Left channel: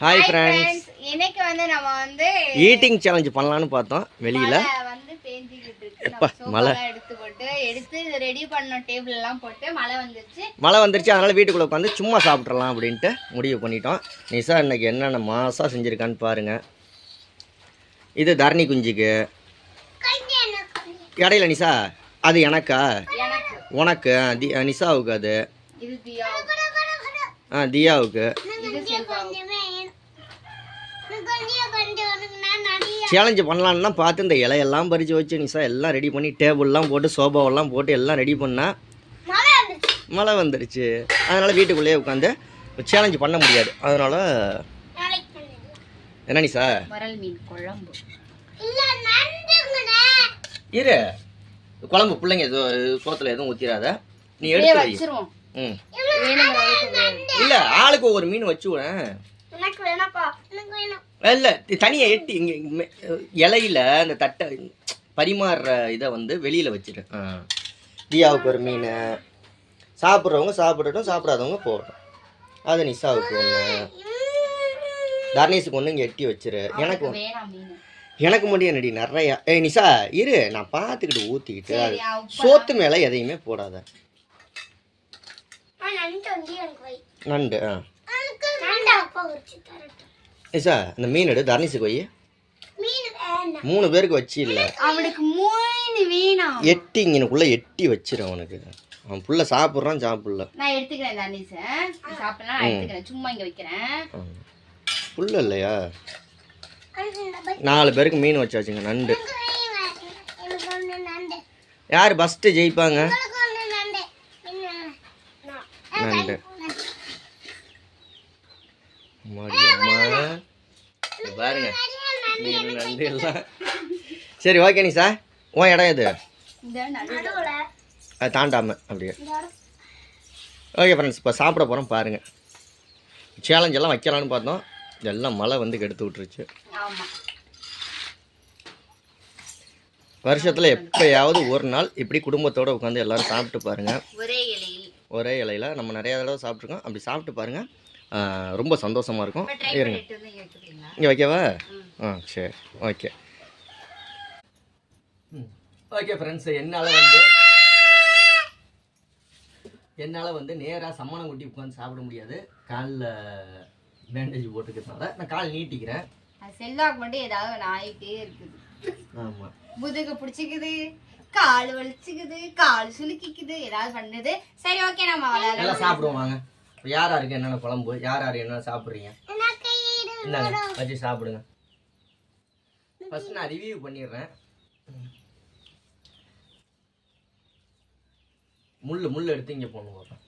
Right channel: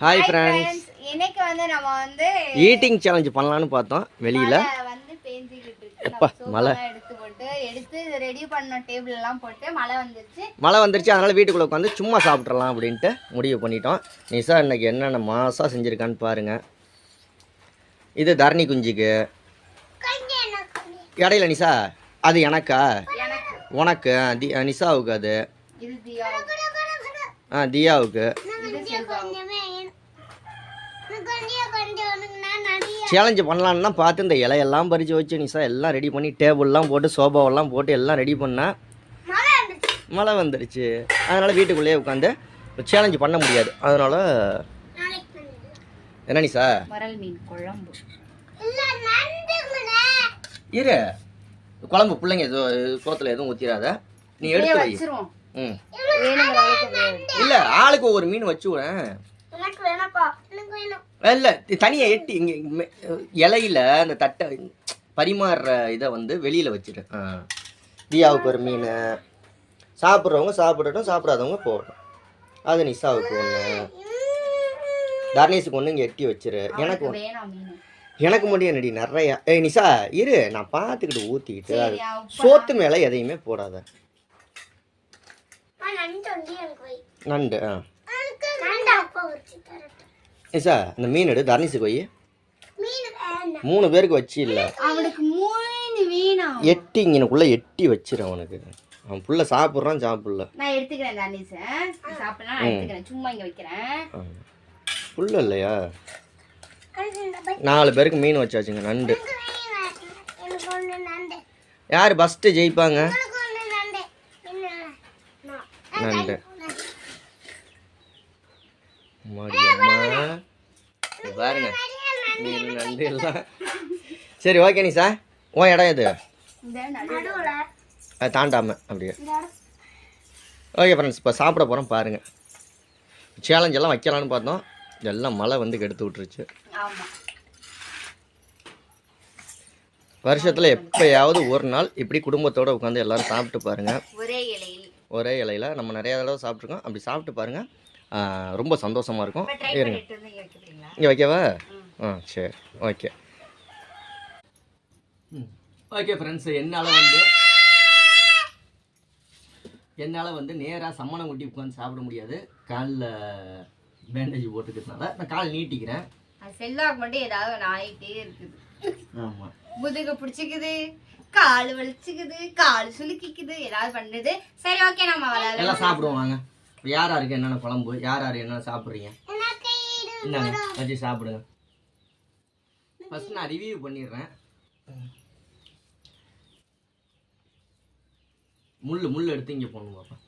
Hi friends இன்னைக்கு வந்து நம்ம வந்து ஈட்டிங் சேலஞ்ச் பண்ணலான்னு பார்த்தோம். வெளியில். வந்து பேஞ்சிக்கிட்டு இருக்கு. எப்பா, மழை. எடுத்து போட்டு எடுத்து ரெடி பண்ணோம். டேபிள் எல்லாம் போட்டு மழை வந்துருச்சு. மழை வந்துருச்சு. அதனால் வீட்டுக்குள்ளே உட்காந்து சும்மா சாப்பிட்றலாம் அப்படின்ட்டு முடிவு பண்ணிட்டோம். நிசா இன்னைக்கு என்னென்ன மாசாக செஞ்சுருக்கான்னு பாருங்கள் இது தரணி குஞ்சுக்கு. இடையில நிசா அது எனக்கா? உனக்கு. நிசாவுக்கு அது. ஆ தியாவுக்கு. சேலஞ்சு பண்ணலான்னு தான் பார்த்து இந்த இலையெல்லாம் பறித்து வச்சு நிசா எல்லாம் ரெடி பண்ணி டேபிள்லாம் போட்டு சோபாவெல்லாம் போட்டு எல்லாம் ரெடி பண்ணா மழை வந்துருச்சு. அதனால் வீட்டுக்குள்ளேயே உட்காந்து சேலஞ்சு பண்ண முடியாது. அதனால் என்ன நிசா? மீன் குழம்பு. இரு. குழம்பு பிள்ளைங்க சோத்தில் எதுவும் ஊற்றிடாத நீ எடுத்து ம். இல்லை ஆளுக்கு ஒவ்வொரு மீன் வச்சு இல்லை தனியாக எட்டி இங்கே இலையில அந்த தட்டை பரிமாறுற இதை வந்து வெளியில் வச்சிரு. ஆ. தியாவுக்கு ஒரு மீன். சாப்பிட்றவங்க சாப்பிடட்டும் சாப்பிடாதவங்க போகட்டும் அது நிசாவுக்கு ஒன்று தர்ணேஷுக்கு ஒன்று இங்கே எட்டி வச்சிரு. எனக்கு எனக்கு மட்டும் என்னடி நிறையா. ஏய் நிசா இரு. நான் பார்த்துக்கிட்டு ஊற்றிக்கிட்டு அது சோத்து மேலே எதையுமே போடாத. நண்டு ஆ. நிசா இந்த மீன் எடு தர்ணேஷுக்கு வை மூணு பேருக்கு வச்சு இல்லை அவனுக்கு மூணு வேணாம் எட்டி இங்கனுக்குள்ளே எட்டி வச்சிரு அவனுக்கு. அவன் புள்ள சாப்பிட்றான் சாப்பிடல. நான் எடுத்துக்கிறேன் தனிச சாப்பிடலாம் எடுத்துக்கிறேன். சும்மா இங்க வைக்கிறேன். புள்ள இல்லையா? நாலு பேருக்கு மீன் வச்சாச்சுங்க நண்டு. யார் ஃபஸ்ட்டு ஜெயிப்பாங்க நண்டு அம்மாடி அம்மா இங்க பாருங்க மீன் நண்டு எல்லாம். சரி ஓகே நீ சார் உன் இடம் எது? அது தாண்டாம அப்படியே. ஓகே ஃப்ரெண்ட்ஸ் இப்போ சாப்பிட போகிறோம் பாருங்கள் சேலஞ்ச் எல்லாம் வைக்கலான்னு பார்த்தோம். எல்லாம் மழை வந்து கெடுத்து விட்டுருச்சு. ஆமா. வருஷத்தில் எப்போயாவது ஒரு நாள் இப்படி குடும்பத்தோடு உட்காந்து எல்லாரும் சாப்பிட்டு பாருங்கள் ஒரே இலையில். ஒரே இலையில நம்ம நிறைய தடவை சாப்பிட்ருக்கோம் அப்படி சாப்பிட்டு பாருங்கள் ரொம்ப சந்தோஷமாக இருக்கும். ட்ரை இருங்க. இங்க வைக்கவா. ஆ சரி. ஓகே. ஓகே ஃப்ரெண்ட்ஸ் என்னால் வந்து என்னால் வந்து நேராக சம்மணம் ஊட்டி உட்காந்து சாப்பிட முடியாது. காலில் பேண்டேஜ் போட்டுக்கிறதுனால. நான் கால் நீட்டிக்கிறேன். அது செல்லாக்கு மட்டும் ஏதாவது ஆகிட்டே இருக்குது. ஆமாம் முதுகு பிடிச்சிக்குது கால் வலிச்சுக்குது கால் சுலுக்கிக்குது ஏதாவது பண்ணுது. சரி ஓகே நம்ம விளையாடலாம். எல்லாம் சாப்பிடுவோம் வாங்க. யார் யாருக்கு என்னென்ன குழம்பு? யார் யார் என்னென்ன சாப்பிட்றீங்க? இந்தாங்க வச்சு சாப்பிடுங்க. ஃபஸ்ட் நான் ரிவ்யூ பண்ணிடுறேன். முள் முள் எடுத்து இங்கே போகணும் பார்ப்போம்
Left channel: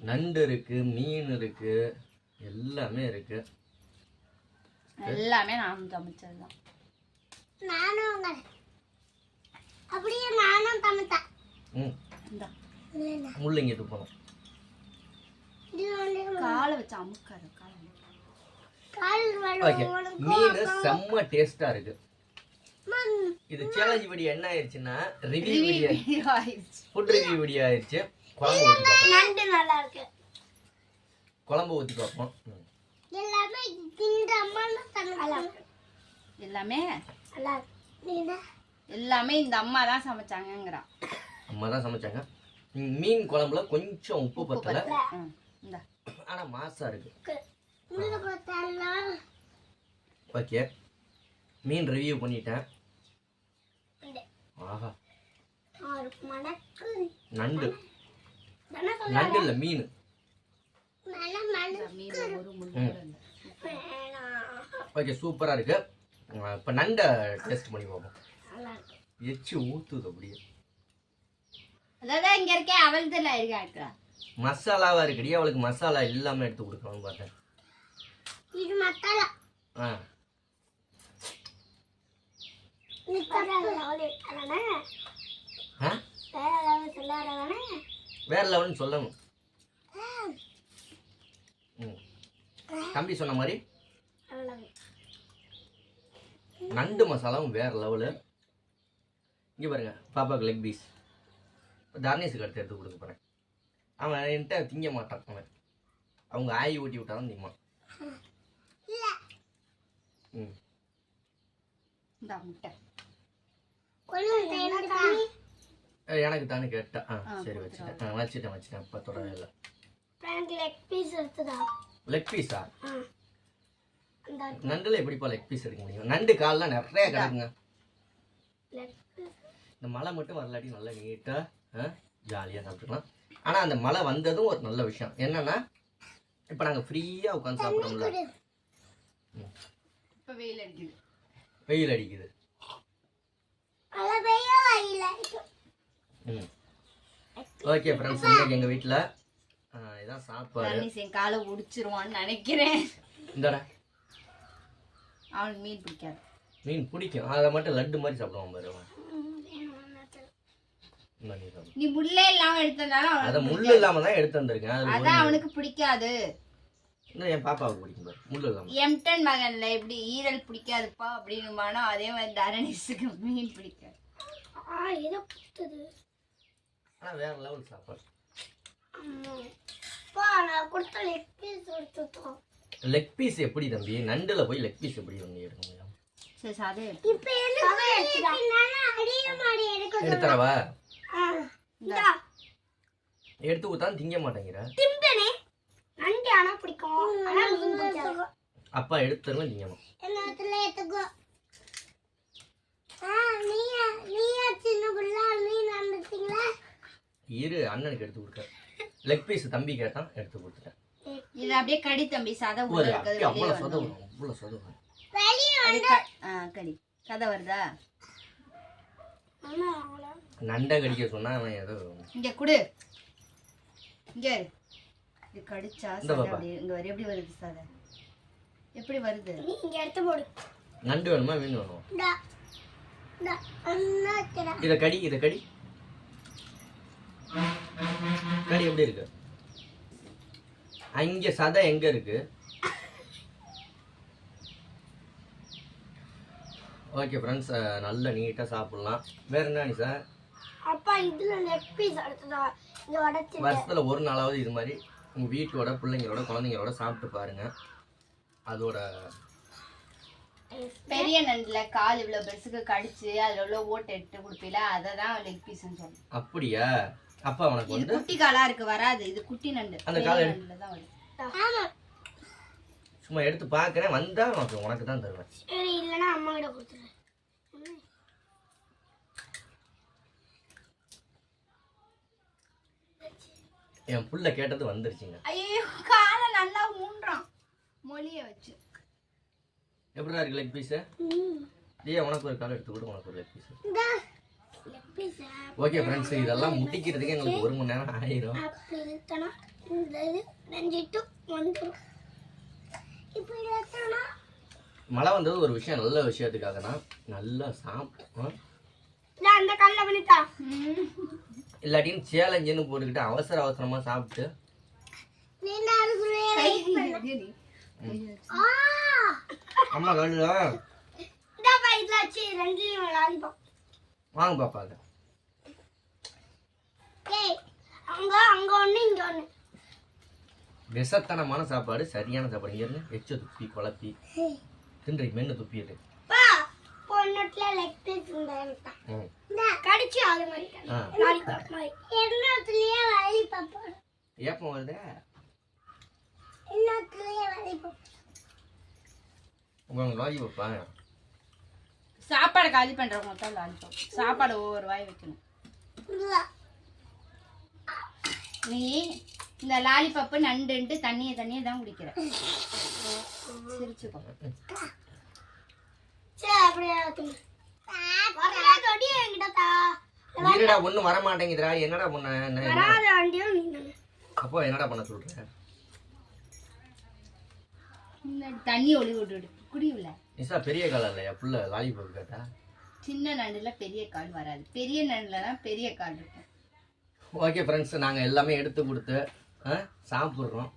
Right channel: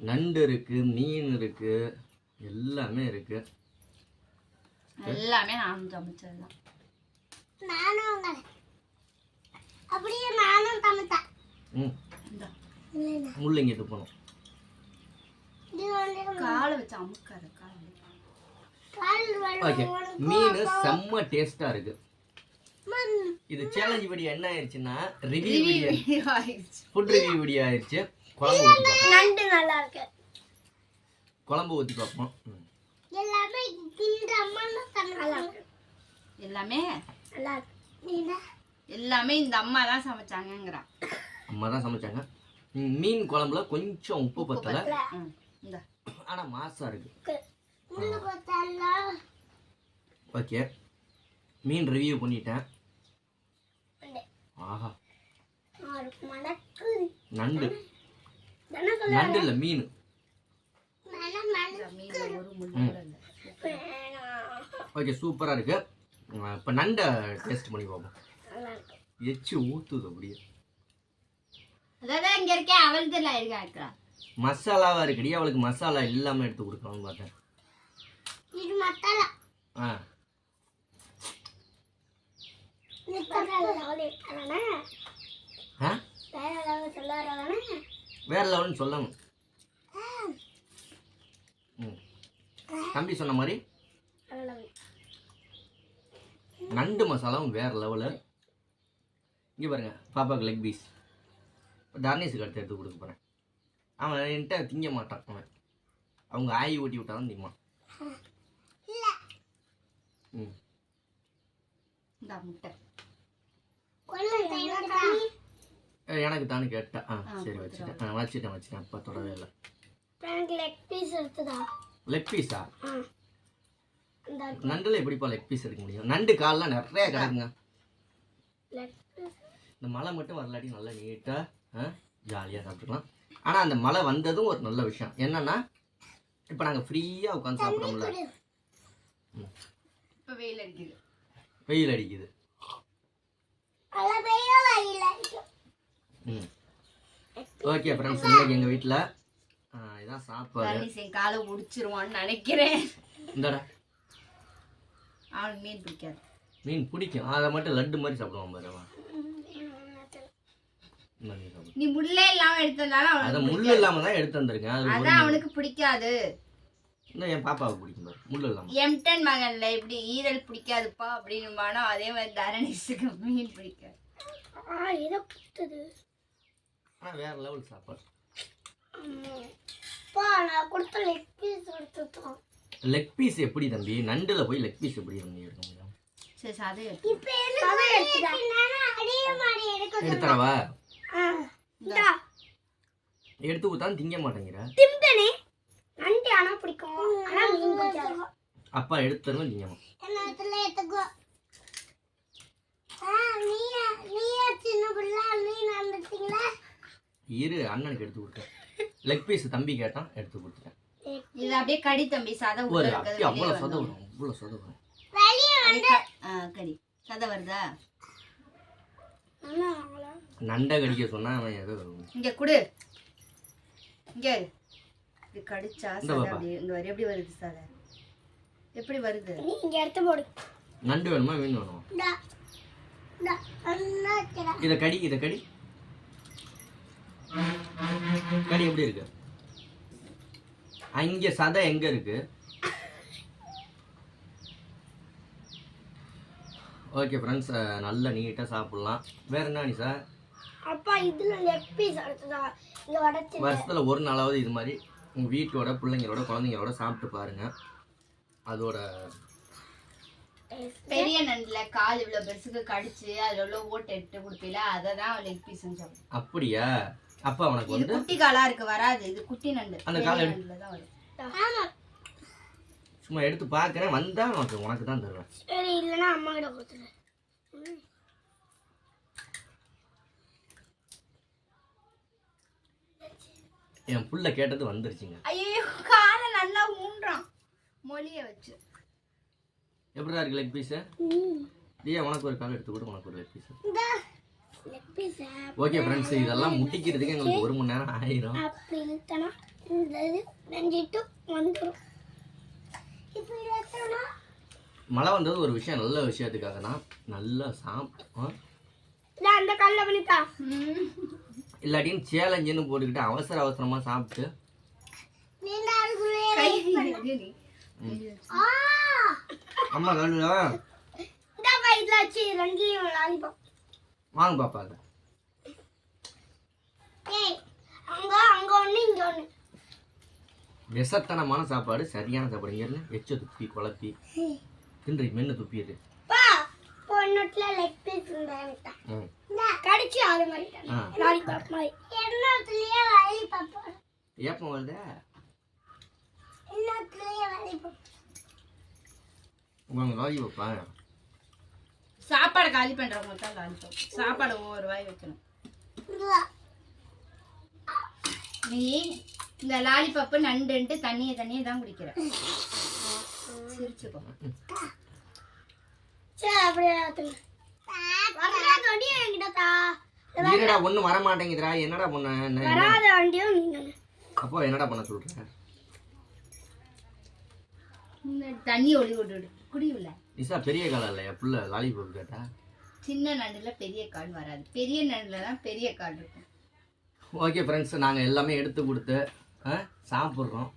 நண்டு இருக்குது மீன் இருக்குது எல்லாமே இருக்குது எல்லாமே நானும் சமைச்சது தான் அப்படியே நானும் சமைத்தேன் ம். இந்த. முள் இங்கிட்டு போகணும் காலை வச்சு அமுக்காத கால் கால் வலி ஓகே மீன் செம்ம டேஸ்ட்டாக இருக்குது. இது சேலஞ்ச் வீடியோ என்ன ஆயிடுச்சுன்னா ரிவ்யூ வீடியோ ஆயிடுச்சு. ஃபுட் ரிவ்யூ வீடியோ ஆயிடுச்சு. குழம்பு ஊற்றி பார்ப்போம். நண்டு நல்லா இருக்கு. குழம்பு ஊற்றி பார்ப்போம். எல்லாமே இந்த அம்மா தான் சமைச்சாங்க எல்லாமே? இருக்கு. எல்லாமே இந்த அம்மா தான் சமைச்சாங்கங்கிறான். அம்மா தான் சமைச்சாங்க மீன் குழம்புல கொஞ்சம் உப்பு பத்தலை. ம் இந்த. ஆனால் ஓகே மீன் ரிவ்யூ பண்ணிட்டேன். ஆஹா. நண்டு. நண்டு இல்லை மீன். ஓகே சூப்பராக இருக்கு. இப்போ நண்டை டேஸ்ட் பண்ணி பார்ப்போம். நல்லா இருக்கு. எச்சு ஊற்றுது அப்படியே. அதான் இங்க இருக்கேன் இருக்கிறா மசாலாவாக இருக்குடி அவளுக்கு மசாலா இல்லாமல் எடுத்து கொடுக்கலாம்னு பார்த்தேன். இது மசாலா. ஆ. வேற லெவல்னு சொல்லணும். தம்பி சொன்ன மாதிரி நண்டு மசாலாவும் வேற லெவலு. இங்கே பாருங்க பாப்பாவுக்கு லெக் பீஸ் தர்ணேஷுக்கு அடுத்து எடுத்து கொடுக்க போகிறேன் அவன் என்கிட்ட திங்க மாட்டான் அவன். அவங்க ஆயி ஊட்டி விட்டா தான் திம்மான் இந்த முட்டை. எனக்கு தானே கேட்டேன். ஆ சரி வச்சுட்டேன். ஆ வச்சுட்டேன் வச்சுட்டேன். இப்போ தொடவே இல்லை. எனக்கு லெக் பீஸ் எடுத்துதா லெக் பீஸா நண்டுல எப்படிப்பா லெக் பீஸ் எடுக்க முடியும்? நண்டு கால்லாம் நிறைய கிடக்குங்க. லெக் இந்த மழை மட்டும் வரலாட்டி நல்லா நீட்டாக ஜாலியாக சாப்பிட்டுக்கலாம். ஆனால் அந்த மழை வந்ததும் ஒரு நல்ல விஷயம். என்னன்னா இப்போ நாங்கள் ஃப்ரீயாக உட்காந்து சாப்பிட்றோம்ல. இப்ப வெயில் அடிக்குது. வெயில் அடிக்குது. ஓகே ஃப்ரெண்ட்ஸ் இன்னைக்கு எங்கள் வீட்டில் இதான் சாப்பாடு. என் காலை முடிச்சிருவான்னு நினைக்கிறேன். இந்தடா. அவனுக்கு மீன் பிடிக்காது. மீன் பிடிக்கும். அதை மட்டும் லட்டு மாதிரி சாப்பிடுவான் பாரு அவன். இந்த நீ முள்ளே இல்லாம எடுத்ததால அதை அவனுக்கு முள் இல்லாமல் தான் எடுத்து வந்திருக்கேன் அது அதான் அவனுக்கு பிடிக்காது. இன்னும் என் பாப்பாவுக்கு பிடிக்கும் பாரு. முள் இல்லாமல் எம்டன் மகன்ல எப்படி ஈரல் பிடிக்காதுப்பா அப்படின்னு அதே மாதிரி தரணிஸுக்கு மீன் பிடிக்காது ஆ இத புத்துது ஆனால் வேற லெவல் சாப்பாடு. பா நான் கொடுத்த லெக் பீஸ் எடுத்துட்டோம் லெக் பீஸ் எப்படி தம்பி? நண்டுல போய் லெக் பீஸ் எப்படி தம்பி எடுக்க முடியும்? சரி எடுத்து இப்போ எடுத்துறவா எடுத்து கொடுத்தா திங்க மாட்டேங்கிற. திம்பனே. நண்டு ஆனா பிடிக்கும். ஆனா மீன் பிடிக்காது. அப்பா எடுத்து தருவேன் திங்க மாட்டேன் என்னத்துல எடுத்துக்கோ ஆ நீயா நீயா சின்ன பிள்ளை மீன் வந்துட்டீங்களா இரு அண்ணனுக்கு எடுத்து கொடுத்தேன். லெக் பீஸ் தம்பி கேட்டான் எடுத்து கொடுத்துட்டேன். இது அப்படியே கடி தம்பி சதை உள்ள ஒரு இருக்கிறது அப்படி வெளியே அவ்வளோ சொத வந்து வரும் அவ்வளோ சொத வரும். வெளியே கடி. சதை வருதா? நண்டை கடிக்க சொன்னா அவன் ஏதோ இங்க குடு. இங்க இரு. இது கடிச்சா சதை. அப்படி இங்க வர எப்படி வருது சதை எப்படி வருது? நீ இங்க எடுத்து போடு. நண்டு வேணுமா மீன் வேணுமா? இதை கடி இதை கடி. கடி எப்படி இருக்கு? அங்க சதை எங்க இருக்கு? ஓகே ஃப்ரெண்ட்ஸ் நல்ல நீட்டாக சாப்பிட்லாம். வேற என்ன நீ சார்? அப்பா இதுல லெக் பீஸ் எடுத்துதா இங்க உடைச்சு வருஷத்தில் ஒரு நாளாவது இது மாதிரி உங்கள் வீட்டோட பிள்ளைங்களோட குழந்தைங்களோட சாப்பிட்டு பாருங்க. அதோட பெரிய நண்டுல கால் இவ்வளவு பெருசுக்கு கடிச்சு அதுல உள்ள ஓட்டை எடுத்து கொடுப்பீல அதை தான் லெக் பீஸ்ன்னு சொல்லுவோம் அப்படியா? அப்பா உனக்கு இது வந்து குட்டி காலா இருக்கு வராது. இது குட்டி நண்டு. அந்த காலை தான் வரும். ஆமா சும்மா எடுத்து பார்க்குறேன் வந்தால் உனக்கு உனக்கு தான் தருவேன். இல்லைன்னா அம்மா கிட்ட கொடுத்துரு என் புள்ள கேட்டது வந்துருச்சுங்க. ஐயோ காலை நல்லா ஊன்றான். மொழிய வச்சு. எப்படிடா இருக்கு லெக் பீஸு ஏன் உனக்கு ஒரு கால் எடுத்து கொடு உனக்கு ஒரு லெக் பீஸு ஓகே ஃப்ரெண்ட்ஸ் இதெல்லாம் முட்டிக்கிறதுக்கு எங்களுக்கு ஒரு மணி நேரம் ஆயிரும். மழை வந்தது ஒரு விஷயம் நல்ல விஷயத்துக்காக தான் நல்லா சாப்பிட்டோம் இந்த அந்த கல்ல பண்ணிட்டா இல்லாட்டியும் சேலஞ்சுன்னு போட்டுக்கிட்டு அவசர அவசரமாக சாப்பிட்டு. நீ நாளுக்குள்ளே கை இரு. ஆ. அம்மா வச்சு லாலிபாப் வாங்க பாப்பா அதை. ஏய் அங்க அங்க ஒண்ணு இங்க ஒண்ணு. விஷத்தனமான சாப்பாடு சரியான சாப்பாடு. இங்க இருந்து எச்ச துப்பி குழப்பி. தின்றி மென்னு துப்பிடுது பா பொண்ணுட்ல லெக் பீஸ் இருந்தா ம் கடிச்சு அது மாதிரி லாலிபாப் மாதிரி லாலிபாப் ஏப்பம் லாலிபாப் சாப்பாடு காலி பண்றவங்க தான் லாலிபாப் சாப்பாடு ஒவ்வொரு வாய் வைக்கணும் நீ இந்த லாலிபப்பு நண்டுன்ட்டு தண்ணியை தண்ணியை தான் குடிக்கிற சிரிச்சுக்கோ சரி அப்படியே இருடா வர மாட்டேங்குதுடா என்னடா பண்ண அப்போ என்னடா பண்ண சொல்ற? தண்ணி ஒளி நிசா பெரிய காலம் இல்லையா? புள்ள லாலிபாப் கேட்டா? சின்ன நண்டுல பெரிய கால் வராது. பெரிய நண்டுல தான் பெரிய கால் இருக்கும். ஓகே ஃப்ரெண்ட்ஸ் நாங்கள் எல்லாமே எடுத்து கொடுத்து சாப்பிட்றோம்.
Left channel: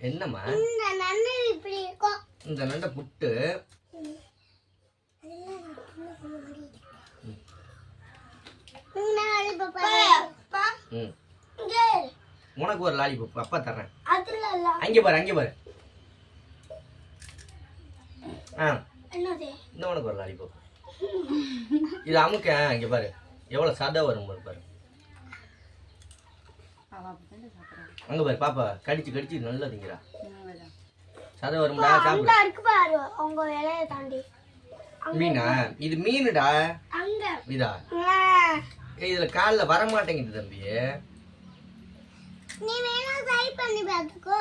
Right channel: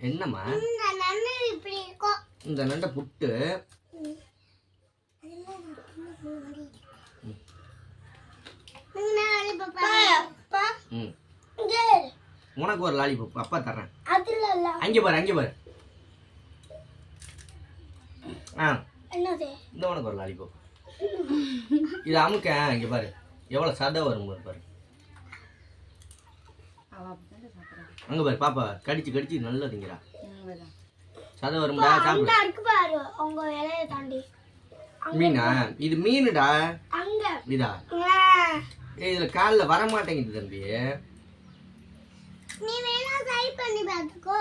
என்னம்மா? இந்த நண்டை புட்டு இந்த லாலிபாப் அப்பா ம் இங்க உனக்கு ஒரு லாலிபாப் அப்பா தர்றேன். அங்கே பாரு அங்கே பாரு. ஆ. இந்த உனக்கு ஒரு லாலிபாப் இது அமுக்க இங்கே பாரு. எவ்வளோ சதை வரும் பாரு. அங்கே பாரு பாப்பா கடிச்சு கடிச்சு நல்லா திங்கிறா. சதை வரும்டா சாப்பிடு. மீனா? இது மீனுடா. அங்க. இதா இதுல காலில் வர மாட்டேங்குது தம்பி. நீ வேணா ட்ரை பண்ணி பார்த்துக்கோ.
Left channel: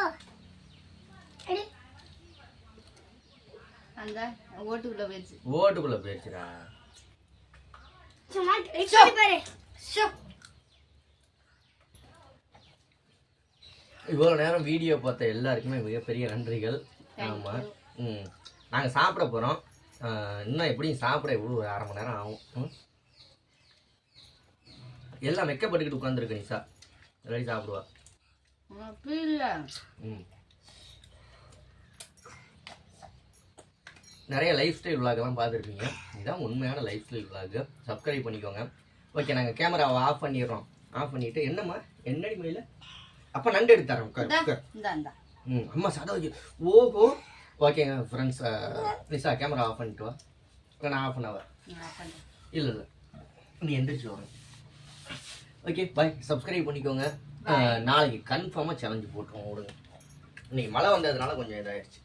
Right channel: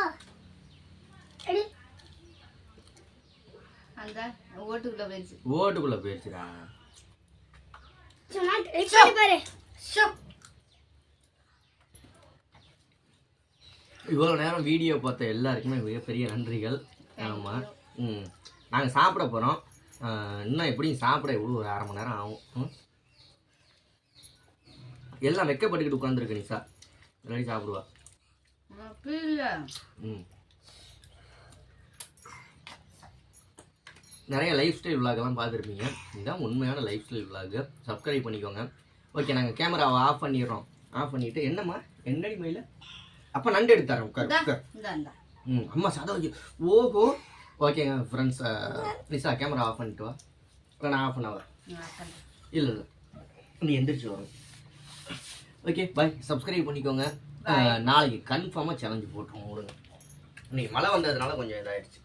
எடி. அந்த ஓட்டுக்குள்ள போயிடுச்சு ஓட்டுக்குள்ள ஷோ. இவ்வளோ நேரம் வீடியோ பார்த்த எல்லாருக்குமே மிகப்பெரிய நன்றிகள். ஆமாம் ம். நாங்கள் சாப்பிட போகிறோம் இன்னும் எப்படியும் சாப்பிட எவ்வளோ ஒரு அரை மணி நேரம் ஆகும்? எல்லாம் வெக்கப்பட்டுக்கிட்டு உட்காந்துருக்கு நிசா ரெடி சாப்பிடுவா. ம். நிறைய லைஃப் ஸ்டைல் விலாகெல்லாம் பார்த்துருப்பீங்க. இதுதான் உண்மையான லைஃப் ஸ்டைல் விலாகு சப்ஸ்கிரைப் பண்ணிக்கோங்க. ஓகே நாங்கள் கேமராவை ஆஃப் பண்ணிடுறோம். ஆஃப் பண்ணிவிட்டு என்னம்மா? என்னடி மயில அப்போ நண்டு எடுத்தாரோம் ம் அம்மா வைக்க. ஓஹோ. ஓகேங்க ஃப்ரெண்ட்ஸ் நிசா கேமரா ஆஃப் பண்ணிட்டு வா. நான் ஆஃப் நான் பண்றேன். இல்லை இல்லை. நீ எந்திரிச்சு வரேன் ஓகே பாய் சப்ஸ்கிரைப் பண்ணிக்கோங்க. அஹ், நாளைக்கு கன்ஃபார்மாக சேலஞ்சு போட்டுருவோம் விடுங்க. இன்னைக்கு மழை வந்ததுனால கொஞ்சம் இதாயிடுச்சு.